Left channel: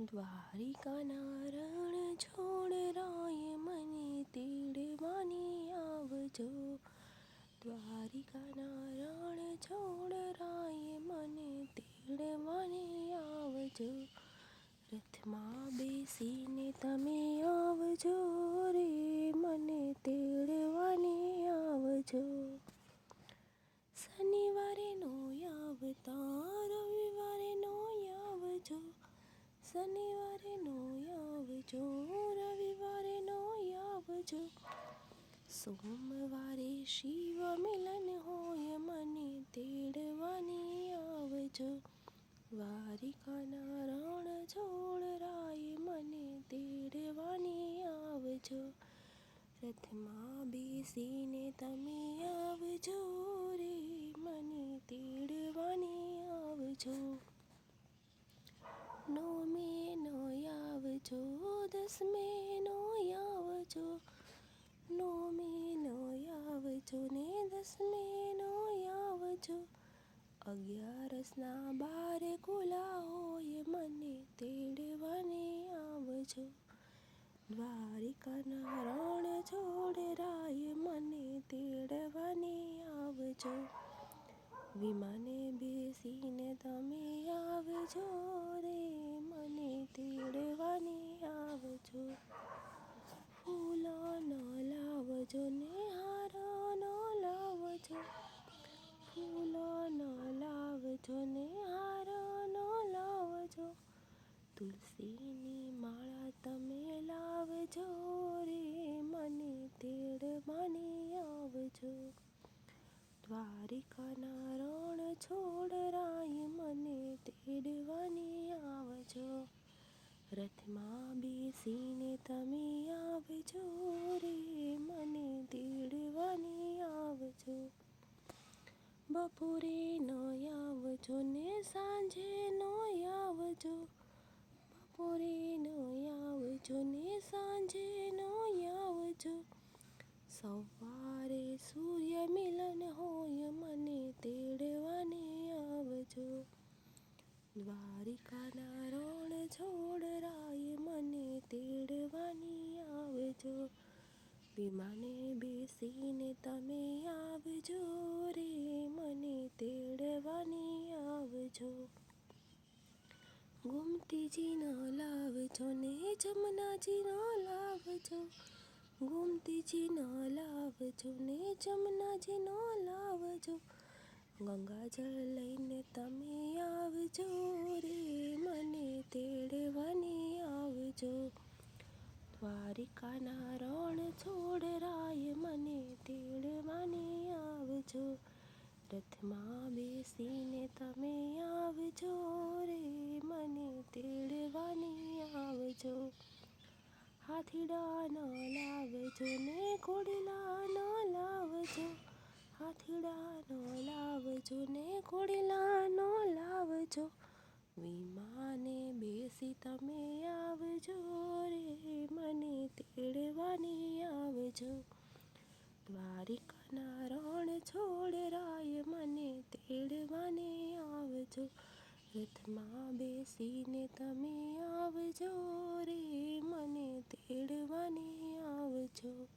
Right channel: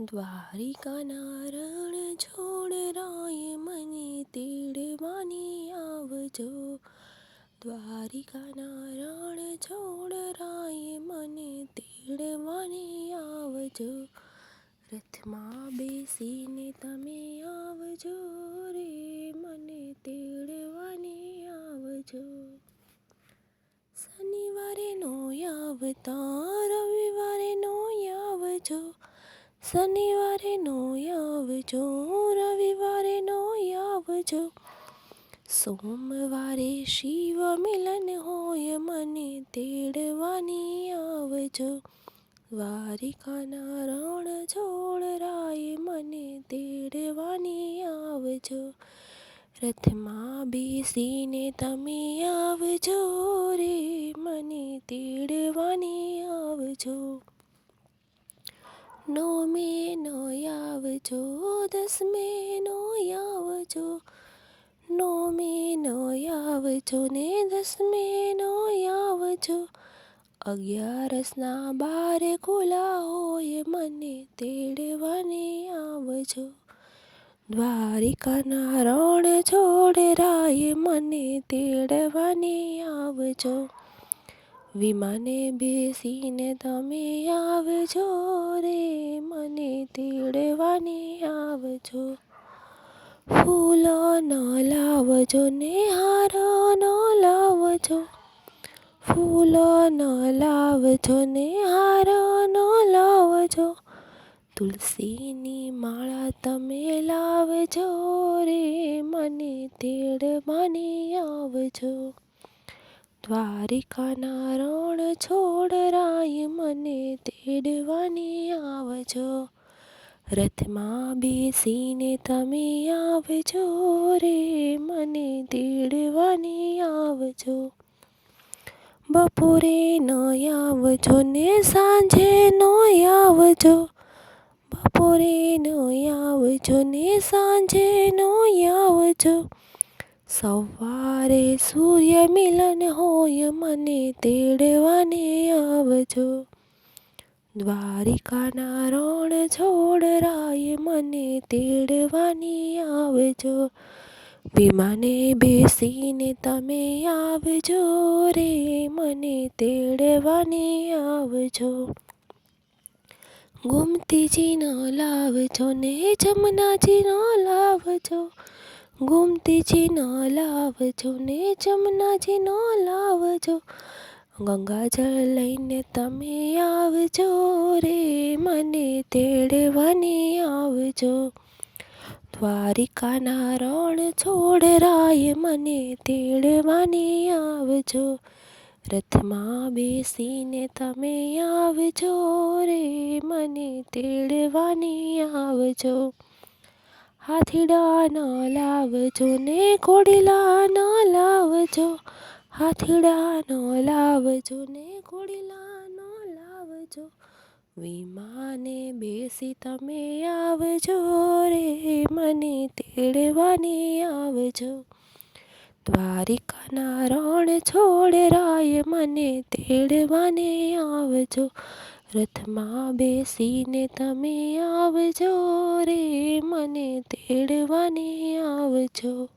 દ્વારિકાના રણ છોડ રાય મને તેડવાની આવજો. દ્વારિકાના રણ છોડ રાય મને તેડવાની આવજો. રથમાં બેસીને તમે આવજો રે મને તેડવાની આવજો. શનિવારે નો આવતા રવિવારે નો આવજો. શનિવારે નો આવજો રવિવારે નો આવજો. સોમવારે શિવ મિલન હોય મને તેડવાની આવજો. દ્વારિકાના રણ છોડ રાય મને તેડવાની આવજો. રથમાં બેસીને તમે આવજો રે મને તેડવાની આવજો. નોમે નો આવજો દસમે નો આવજો. નોમે નો આવજો ને દસમે નો આવજો. 11ના બારે ખુલ્લા હોય મને તેડવાને આવજો. દ્વારિકાના રણ છોડ રાય મને તેડવાને આવજો. વિમાને બેસીને તમે આવજો રે મને તેડવાને આવજો. ફૂલો ન લાવજો ને હાર ન લાવજો. ફૂલો ન લાવજો ને હાર ન લાવજો. તુલસીની માળા તમે લાવજો રે મને તેડવાને આવજો. દ્વારિકાના રણ છોડ રાય મને તેડવાની આવજો. રથમાં બેસીને તમે આવજો રે મને તેડવાની આવજો. બપોરે ન આવજો ને સાંજે ન આવજો. બપોરે ન આવજો ને સાંજે ન આવજો. સવારે સૂર્ય મિલન હોય મને તેડવાને આવજો. દ્વારિકાના રણ છોડ રાય મને તેડવાની આવજો. વિમાને બેસીને તમે આવજો રે મને તેડવાને આવજો. ગોમતીજી ન લાવજો ને જમનાજી ન લાવજો. ગોમતીજી ન લાવજો ને જમનાજી ન લાવજો. ગંગાજળ લઈને તમે આવજો રે મને તેડવાને આવજો. દ્વારિકાના રણ છોડ રાય મને તેડવાને આવજો. રથમાં બેસીને તમે આવજો રે મને તેડવાને આવજો. હાથીડા ન લાવજો ને ઘોડીલા ન લાવજો. હાથીડા ન લાવજો ને ઘોડીલા ન લાવજો. વિમાને બેસી તમે આવજો રે મને તેડવાને આવજો. દ્વારિકાના રણ છોડ રાય મને તેડવાને આવજો. રથમાં બેસીને તમે આવજો રે મને તેડવાને આવજો.